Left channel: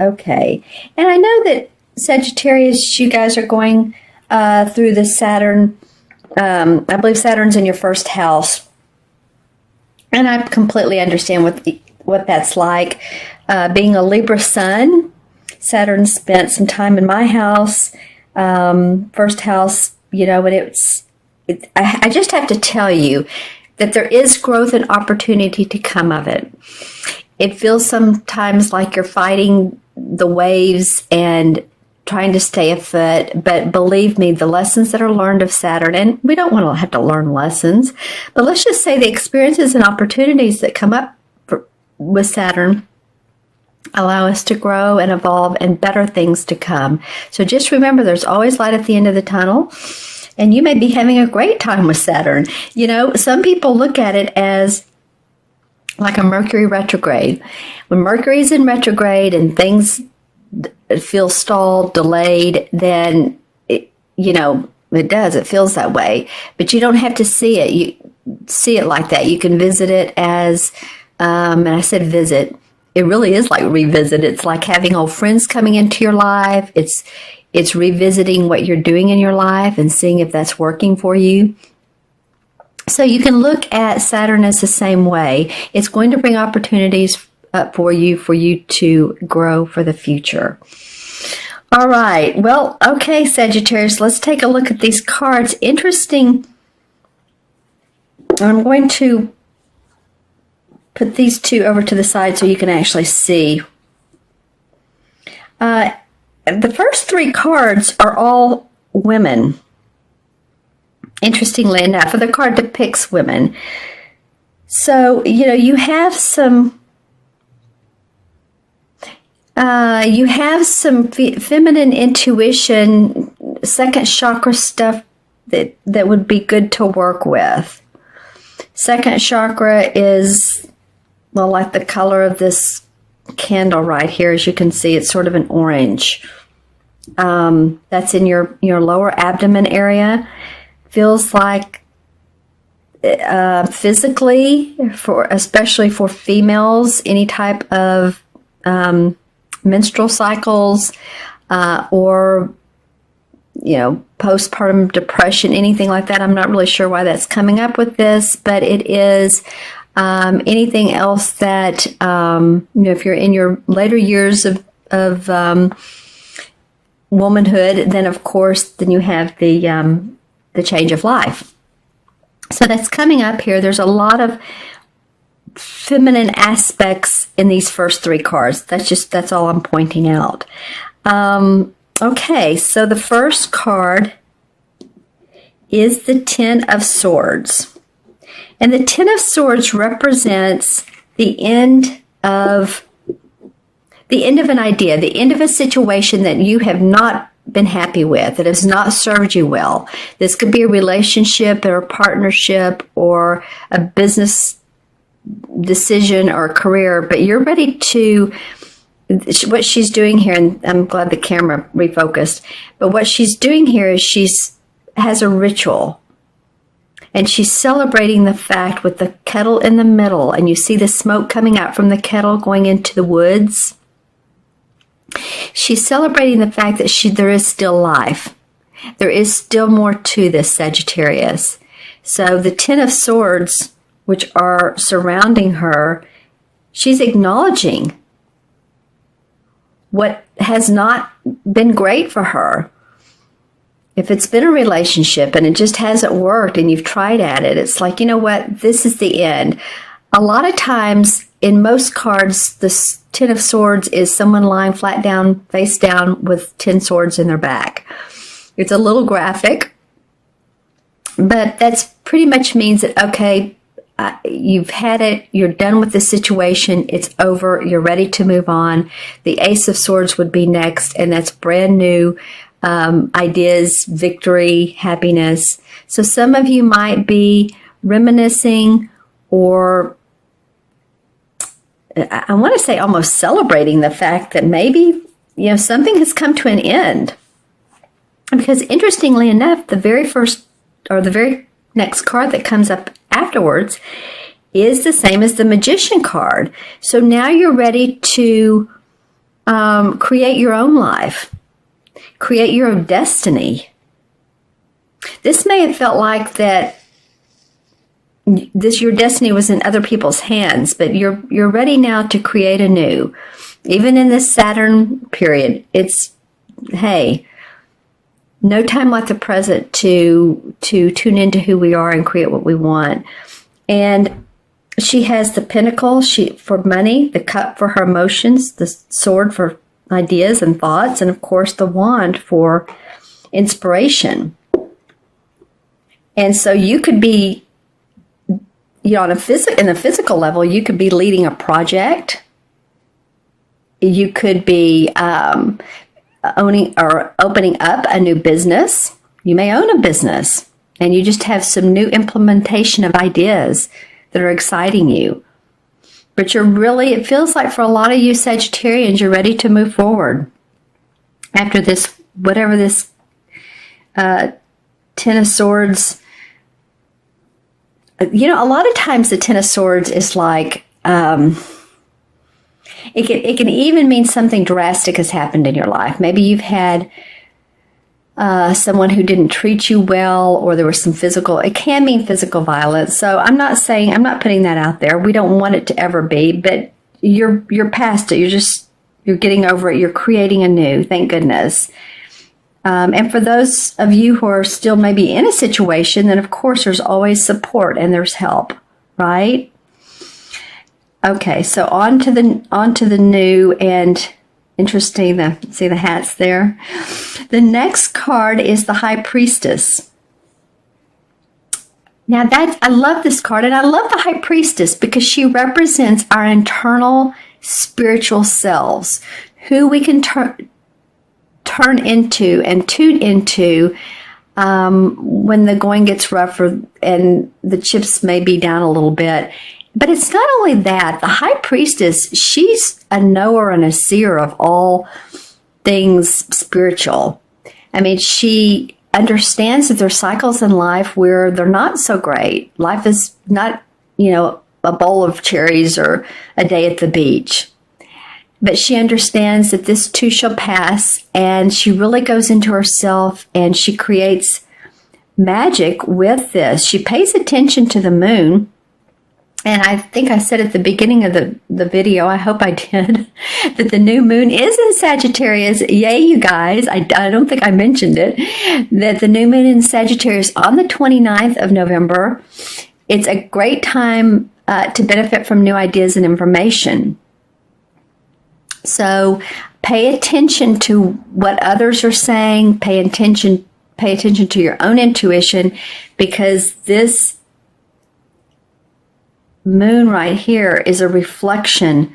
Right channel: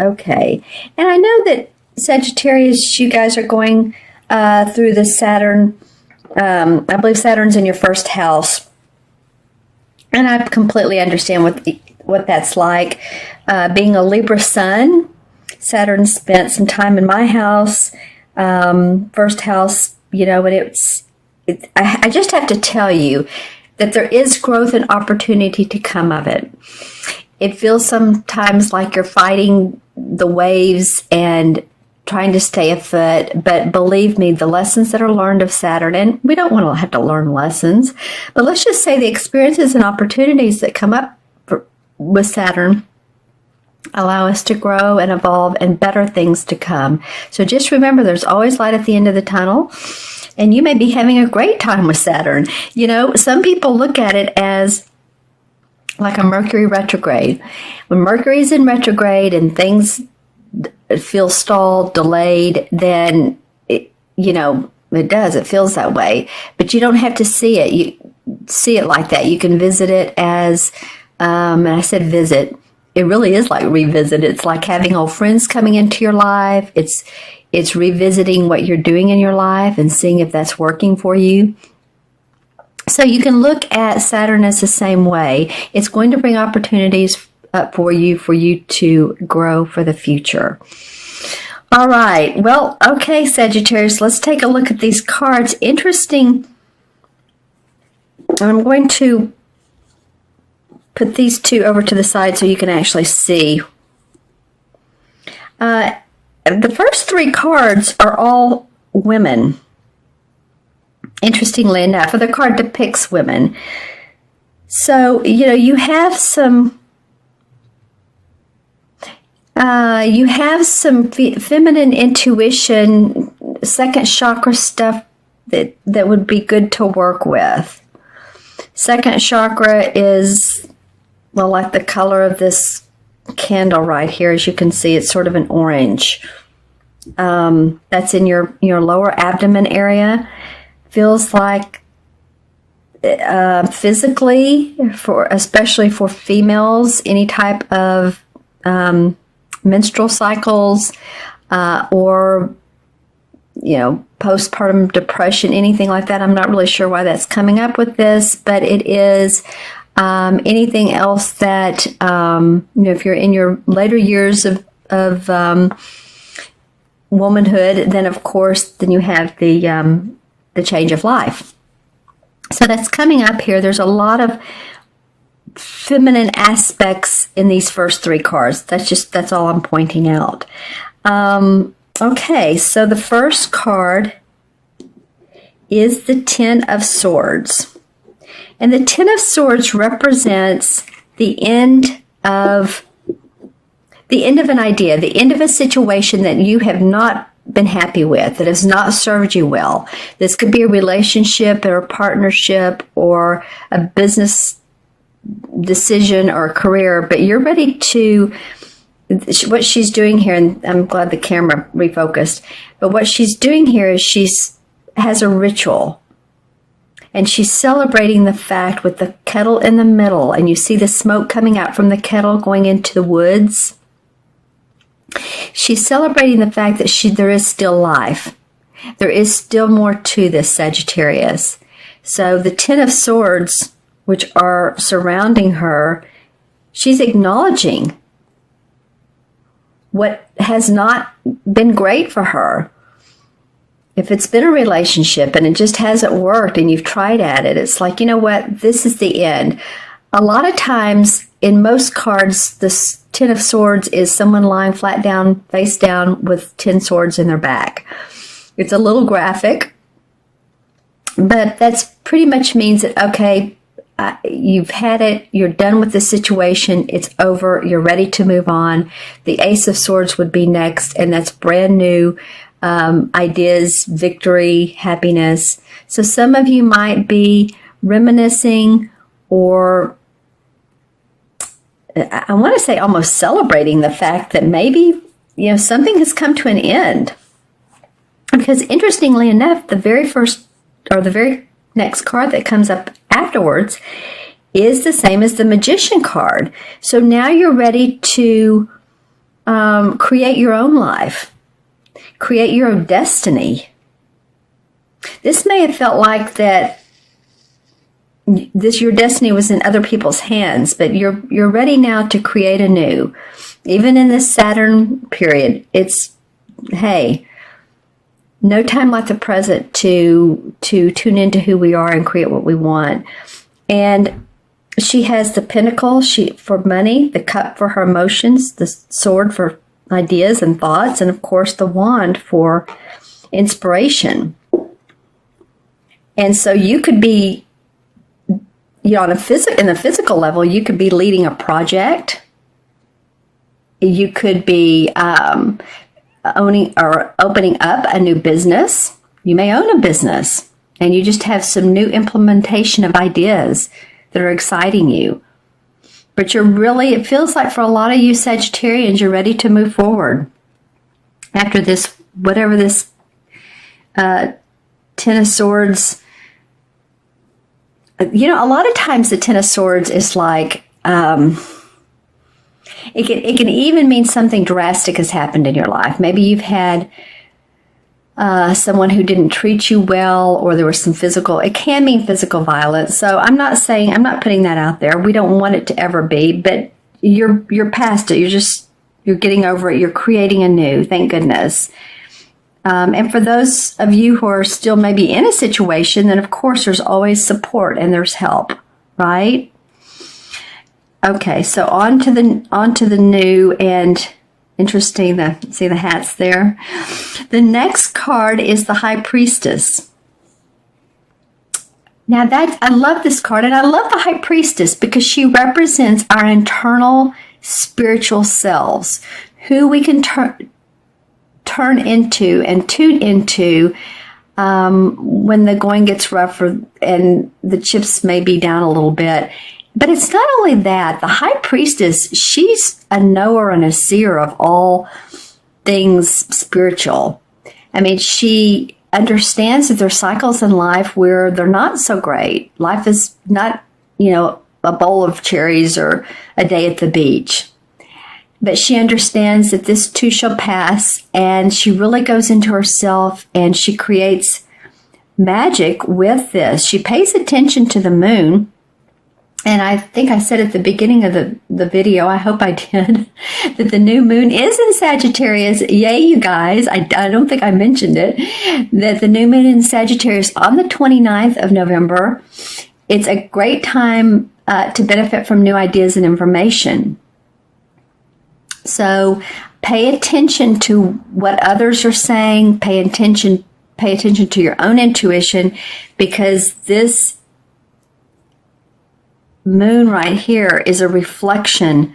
Okay. And I know that Sagittarius, you guys are going through the Saturn. I believe Saturn's in your first house. And I completely understand what that's like. Being a Libra sun, Saturn spent some time in my house, first house, and I just have to tell you that there is growth and opportunity to come of it. It feels sometimes like you're fighting the waves and trying to stay afloat, but believe me, the lessons that are learned of Saturn, and we don't want to have to learn lessons, but let's just say the experiences and opportunities that come up with Saturn allow us to grow and evolve and better things to come. So just remember, there's always light at the end of the tunnel, and you may be having a great time with Saturn. Some people look at it as like a Mercury retrograde. When Mercury's in retrograde and things feel stalled, delayed, then it does. It feels that way. But you don't have to see it. You see it like that. You can visit it as, and I said visit. It really is like revisit. It's like having old friends coming into your life. It's revisiting what you're doing in your life and seeing if that's working for you. So you can look at Saturn as the same way. It's going to bring opportunities up for you to grow for the future. All right. Well, okay, Sagittarius, let's take a look at these cards. Interesting. I'm going to put these two over to the side so you can actually see. The first three cards are all women. Interestingly enough, the card depicts women. So, you have some feminine intuition, second chakra stuff that would be good to work with. Second chakra is, like the color of this candle right here. As you can see, it's sort of an orange. That's in your lower abdomen area. Feels like physically, especially for females, any type of menstrual cycles or postpartum depression, anything like that. I'm not really sure why that's coming up with this, but it is anything else that if you're in your later years of womanhood, then of course then you have the change of life. So that's coming up here. There's a lot of feminine aspects in these first three cards. That's all I'm pointing out. Okay, so the first card is the Ten of Swords. And the Ten of Swords represents the end of an idea, the end of a situation that you have not been happy with, that has not served you well. This could be a relationship or a partnership or a business decision or a career, but you're ready to, what she's doing here, and I'm glad the camera refocused, but what she's doing here is she has a ritual, and she's celebrating the fact with the kettle in the middle, and you see the smoke coming out from the kettle going into the woods. She's celebrating the fact that there is still life. There is still more to this, Sagittarius. So the Ten of Swords, which are surrounding her, she's acknowledging what has not been great for her. If it's been a relationship and it just hasn't worked and you've tried at it, it's like, you know what, this is the end. A lot of times in most cards, the Ten of Swords is someone lying flat down, face down with 10 swords in their back. It's a little graphic, but that's pretty much means that, okay, you've had it, you're done with the situation, it's over, you're ready to move on. The Ace of Swords would be next, and that's brand new ideas, victory, happiness. So some of you might be reminiscing, or I want to say almost celebrating the fact that maybe, something has come to an end. Because interestingly enough, the very next card that comes up afterwards is the same as the Magician card. So now you're ready to create your own life, create your own destiny. This may have felt like that your destiny was in other people's hands, but you're ready now to create anew. Even in this Saturn period, it's, hey, no time like the present to tune into who we are and create what we want. And she has the pentacle for money, the cup for her emotions, the sword for ideas and thoughts, and of course the wand for inspiration. And so you could be, on in the physical level, you could be leading a project. You could be owning or opening up a new business. You may own a business, and you just have some new implementation of ideas that are exciting you. But it feels like for a lot of you Sagittarians, you're ready to move forward after this, whatever this Ten of Swords. A lot of times the Ten of Swords is like, it can even mean something drastic has happened in your life. Maybe you've had someone who didn't treat you well, or there was it can mean physical violence. So I'm not putting that out there. We don't want it to ever be, but you're past it. You're getting over it. You're creating anew. Thank goodness. And for those of you who are still maybe in a situation, then of course there's always support and there's help, right? Okay, so on to the new and interesting. See the hats there. The next card is the High Priestess. Now I love this card, and I love the High Priestess because she represents our internal spiritual selves, who we can turn into and tune into when the going gets rougher and the chips may be down a little bit. But it's not only that. The High Priestess, she's a knower and a seer of all things spiritual. I mean, she understands that there are cycles in life where they're not so great. Life is not, a bowl of cherries or a day at the beach. But she understands that this too shall pass, and she really goes into herself and she creates magic with this. She pays attention to the moon. And I think I said at the beginning of the video, I hope I did, that the new moon is in Sagittarius. Yay, you guys. I don't think I mentioned it. That the new moon in Sagittarius on the 29th of November. It's a great time to benefit from new ideas and information. So pay attention to what others are saying. Pay attention to your own intuition, because this moon right here is a reflection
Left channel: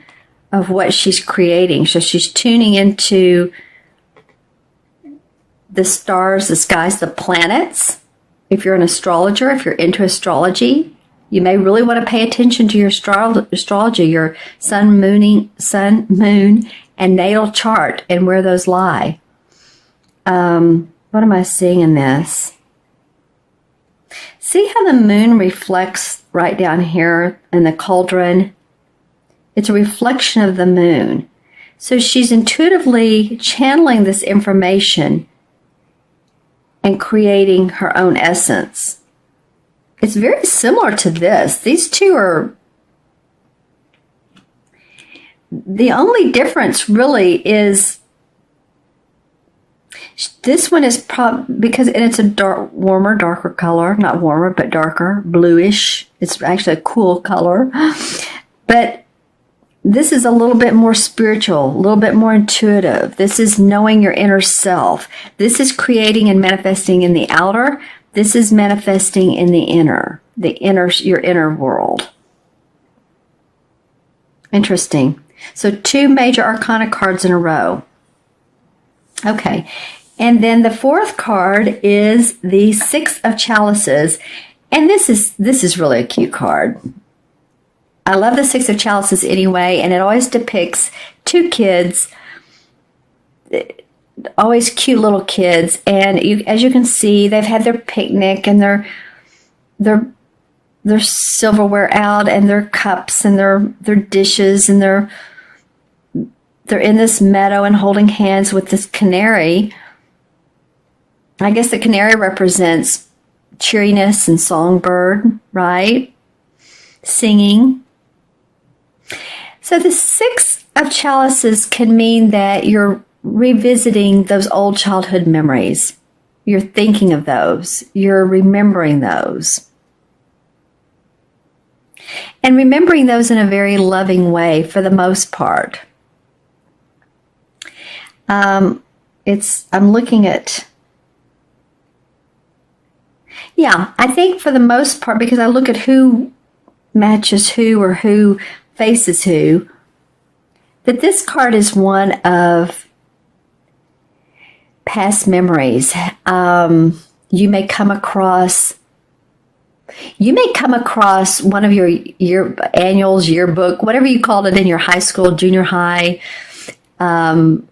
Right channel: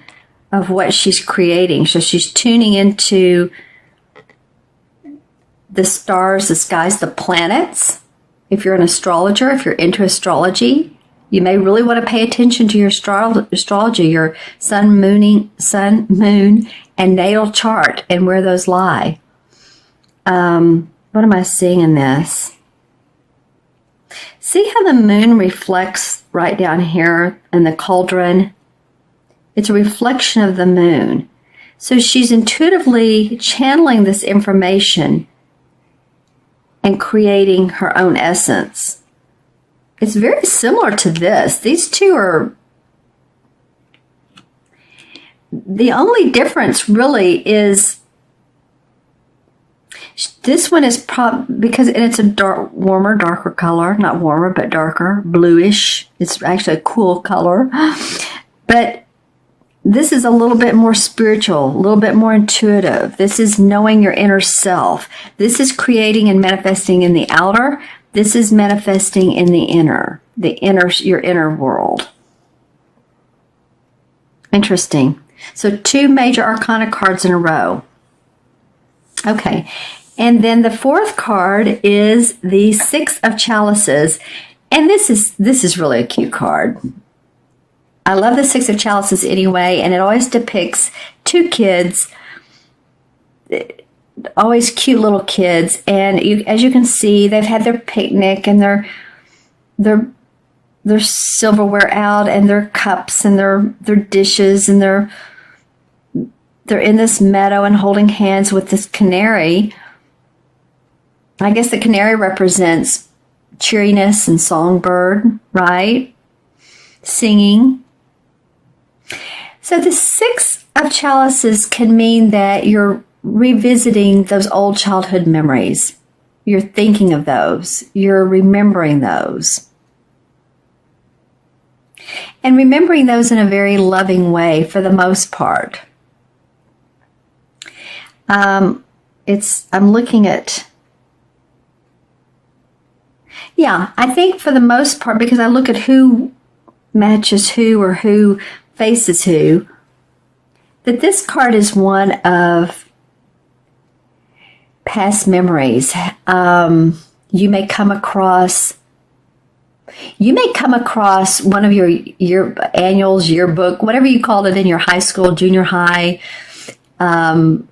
of what she's creating. So she's tuning into the stars, the skies, the planets. If you're an astrologer, if you're into astrology, you may really want to pay attention to your astrology, your sun, moon, and natal chart, and where those lie. What am I seeing in this? See how the moon reflects right down here in the cauldron? It's a reflection of the moon. So she's intuitively channeling this information and creating her own essence. It's very similar to this. These two are... The only difference really is this one is because it's a darker color, not warmer, but darker, bluish. It's actually a cool color. But this is a little bit more spiritual, a little bit more intuitive. This is knowing your inner self. This is creating and manifesting in the outer. This is manifesting in the inner, your inner world. Interesting. So 2 major arcana cards in a row. Okay. And then the 4th card is the 6 of Chalices. And this is really a cute card. I love the 6 of Chalices anyway, and it always depicts 2 kids, always cute little kids. And as you can see, they've had their picnic and their silverware out, and their cups and their dishes and they're in this meadow and holding hands with this canary. I guess the canary represents cheeriness and songbird, right? Singing. So the Six of Chalices can mean that you're revisiting those old childhood memories. You're thinking of those. You're remembering those. And remembering those in a very loving way for the most part. I'm looking at, yeah, I think for the most part, because I look at who matches who or who faces who, that this card is one of past memories. You may come across one of your annuals, yearbook, whatever you called it in your high school, junior high,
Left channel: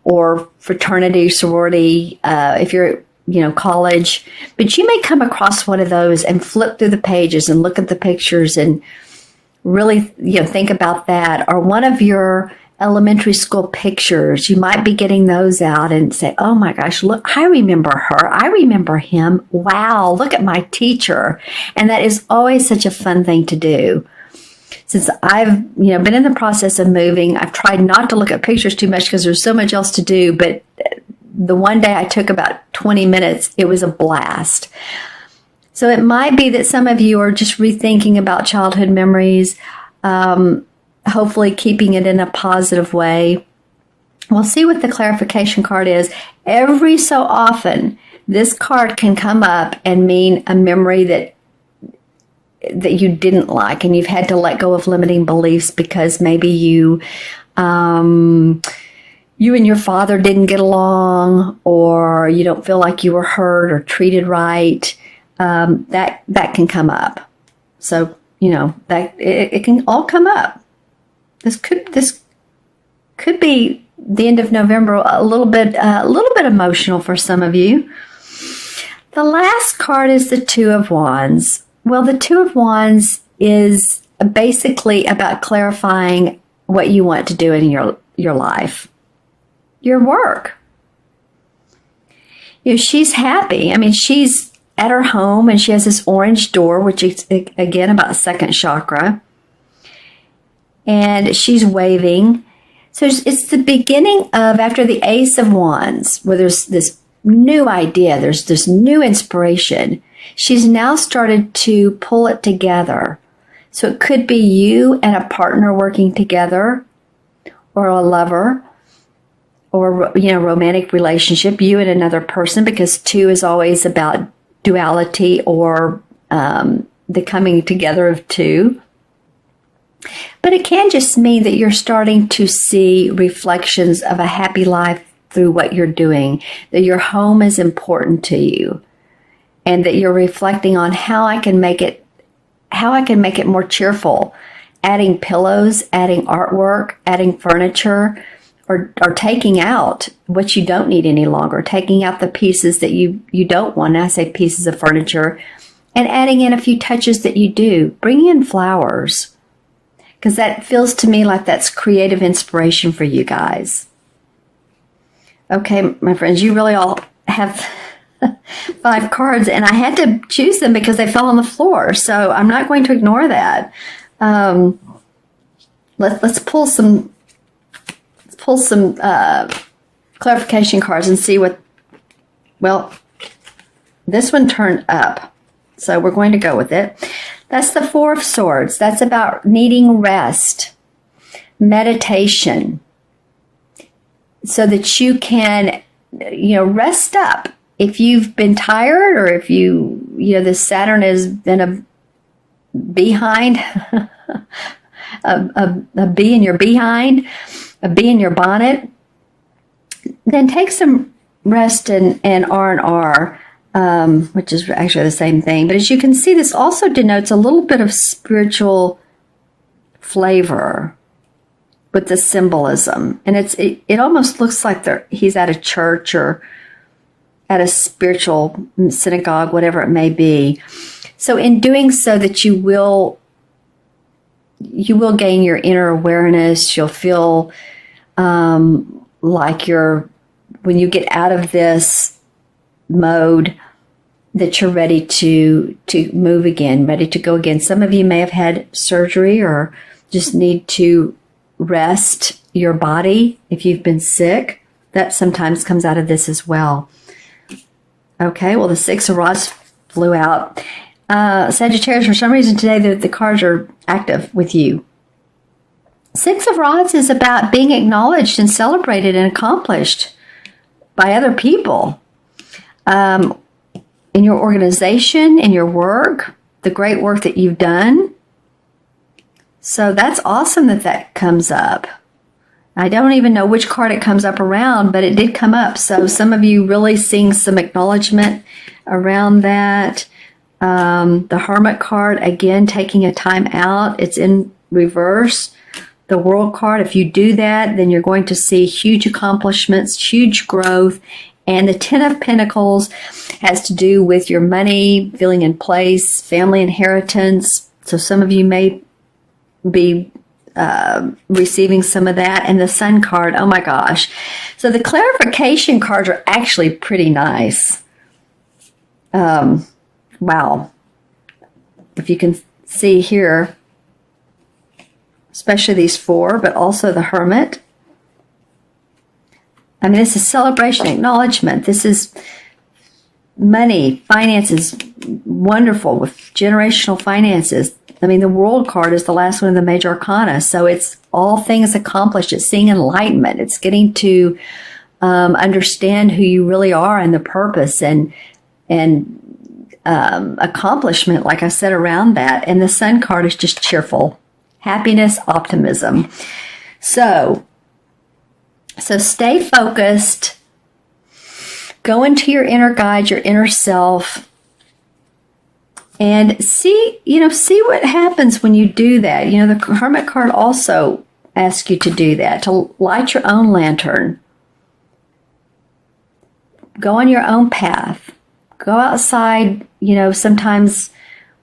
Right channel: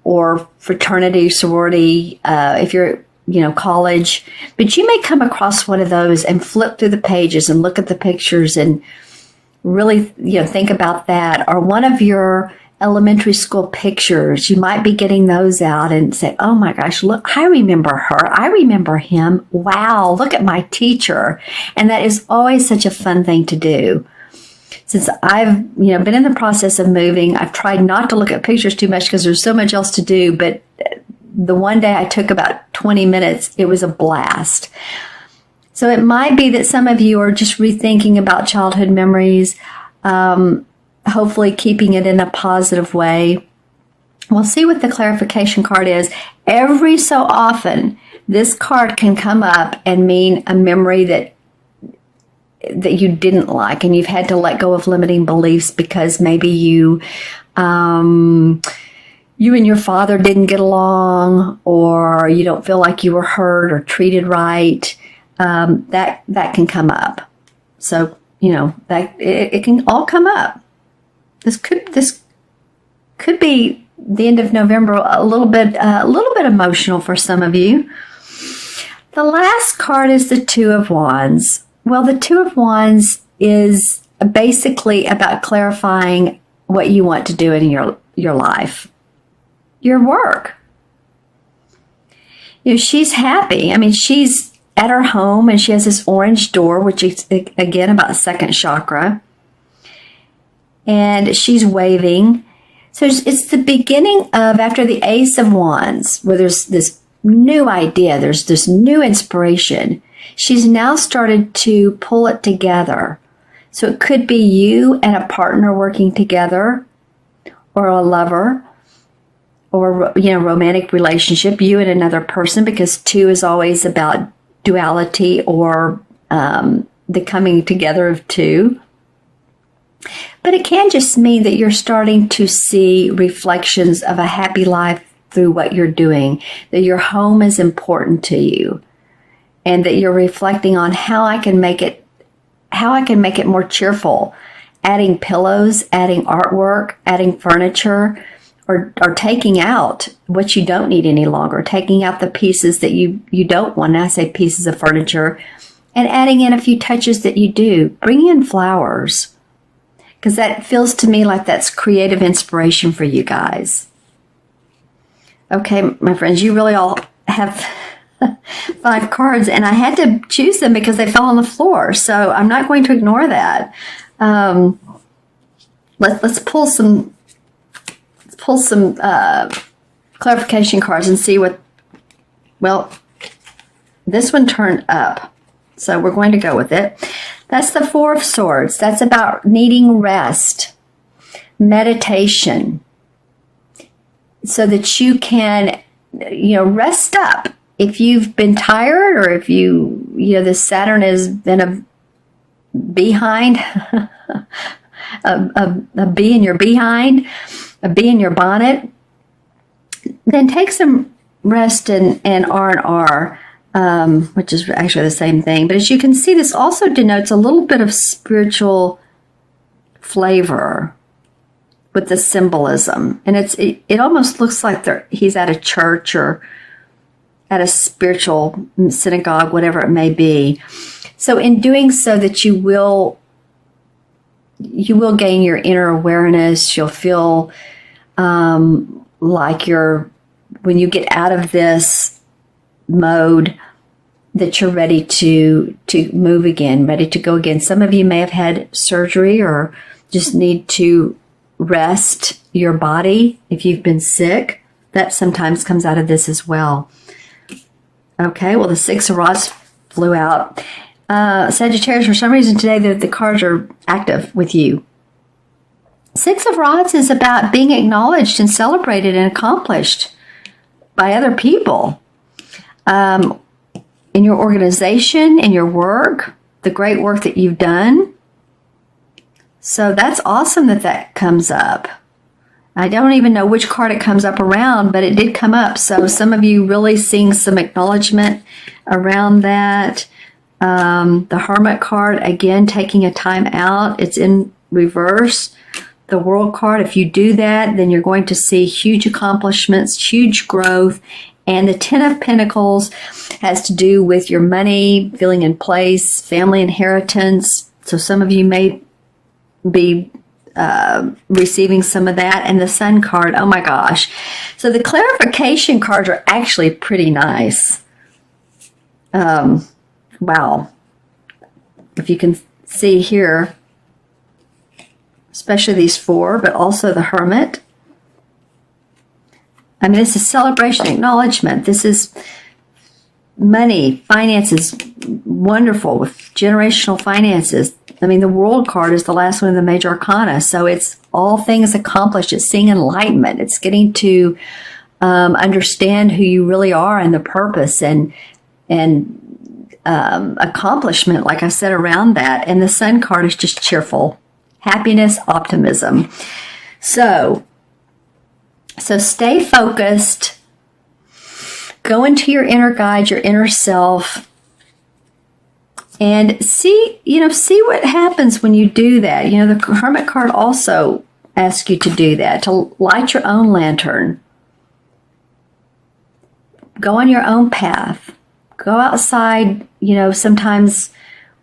or fraternity, sorority, if you're, college. But you may come across one of those and flip through the pages and look at the pictures and really, think about that. Or one of your elementary school pictures, you might be getting those out and say, oh my gosh, look, I remember her. I remember him. Wow, look at my teacher. And that is always such a fun thing to do. Since I've, been in the process of moving, I've tried not to look at pictures too much because there's so much else to do. But the one day I took about 20 minutes, it was a blast. So it might be that some of you are just rethinking about childhood memories, hopefully keeping it in a positive way. We'll see what the clarification card is. Every so often, this card can come up and mean a memory that you didn't like, and you've had to let go of limiting beliefs because maybe you and your father didn't get along, or you don't feel like you were heard or treated right. That can come up. So, that it can all come up. This could be the end of November, a little bit emotional for some of you. The last card is the Two of Wands. Well, the Two of Wands is basically about clarifying what you want to do in your life, your work. She's happy. I mean, she's at her home and she has this orange door, which is, again, about second chakra. And she's waving. So it's the beginning of, after the Ace of Wands, where there's this new idea, there's this new inspiration. She's now started to pull it together. So it could be you and a partner working together, or a lover, or, romantic relationship, you and another person, because two is always about duality or the coming together of two. But it can just mean that you're starting to see reflections of a happy life through what you're doing, that your home is important to you, and that you're reflecting on how I can make it more cheerful, adding pillows, adding artwork, adding furniture, or taking out what you don't need any longer, taking out the pieces that you don't want. I say pieces of furniture, and adding in a few touches that you do. Bring in flowers, because that feels to me like that's creative inspiration for you guys. Okay, my friends, you really all have 5 cards, and I had to choose them because they fell on the floor, so I'm not going to ignore that. Let's pull some clarification cards and see what. Well, this one turned up, so we're going to go with it. That's the Four of Swords. That's about needing rest, meditation, so that you can, rest up. If you've been tired, or if the Saturn is in a behind, a bee in your behind, a bee in your bonnet, then take some rest in R&R, which is actually the same thing. But as you can see, this also denotes a little bit of spiritual flavor with the symbolism. And it almost looks like he's at a church or at a spiritual synagogue, whatever it may be. So in doing so, that you will gain your inner awareness. You'll feel like when you get out of this mode, that you're ready to move again, ready to go again. Some of you may have had surgery or just need to rest your body if you've been sick. That sometimes comes out of this as well. Okay, well, the Six of Rods flew out. Sagittarius, for some reason today, the cards are active with you. Six of Rods is about being acknowledged and celebrated and accomplished by other people. In your organization, in your work, the great work that you've done. So that's awesome that comes up. I don't even know which card it comes up around, but it did come up. So some of you really seeing some acknowledgement around that. The Hermit card, again, taking a time out. It's in reverse. The World card, if you do that, then you're going to see huge accomplishments, huge growth. And the Ten of Pentacles has to do with your money, feeling in place, family inheritance. So some of you may be receiving some of that. And the Sun card, oh my gosh. So the clarification cards are actually pretty nice. Wow. If you can see here, especially these four, but also the Hermit. I mean, this is celebration, acknowledgement. This is money, finances, wonderful with generational finances. I mean, the World card is the last one of the major arcana. So it's all things accomplished. It's seeing enlightenment. It's getting to understand who you really are and the purpose and accomplishment, like I said, around that. And the Sun card is just cheerful, happiness, optimism. So stay focused, go into your inner guide, your inner self, and see what happens when you do that. You know, the Hermit card also asks you to do that, to light your own lantern. Go on your own path. Go outside, sometimes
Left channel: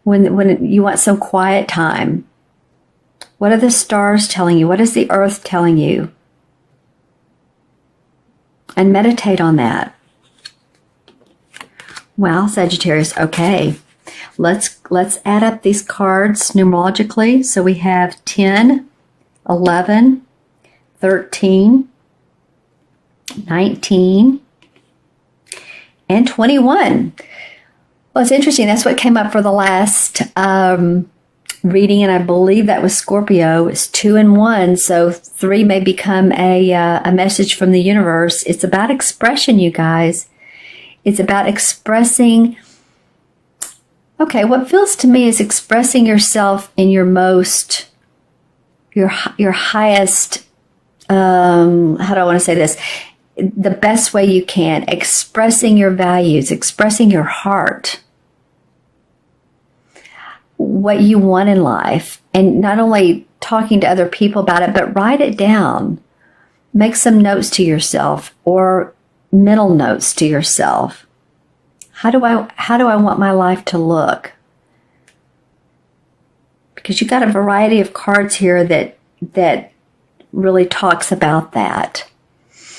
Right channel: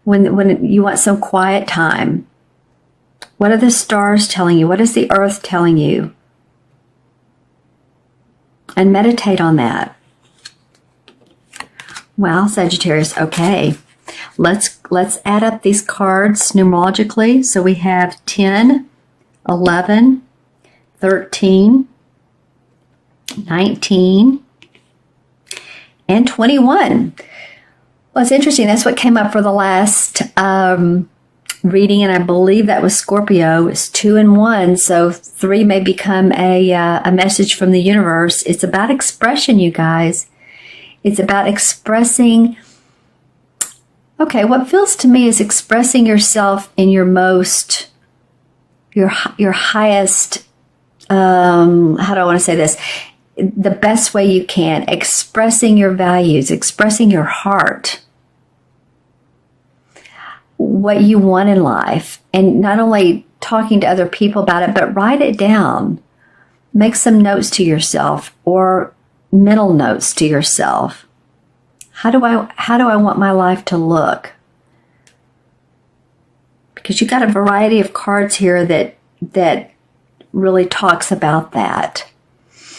when you want some quiet time. What are the stars telling you? What is the earth telling you? And meditate on that. Well, Sagittarius, okay. Let's add up these cards numerologically. So we have 10, 11, 13, 19, and 21. Well, it's interesting. That's what came up for the last reading, and I believe that was Scorpio. It's 2 and 1, so 3 may become a message from the universe. It's about expression, you guys. It's about expressing. Okay, what feels to me is expressing yourself in your highest. How do I want to say this? The best way you can. Expressing your values, expressing your heart. What you want in life, and not only talking to other people about it, but write it down. Make some notes to yourself or mental notes to yourself. How do I want my life to look? Because you got a variety of cards here that really talks about that.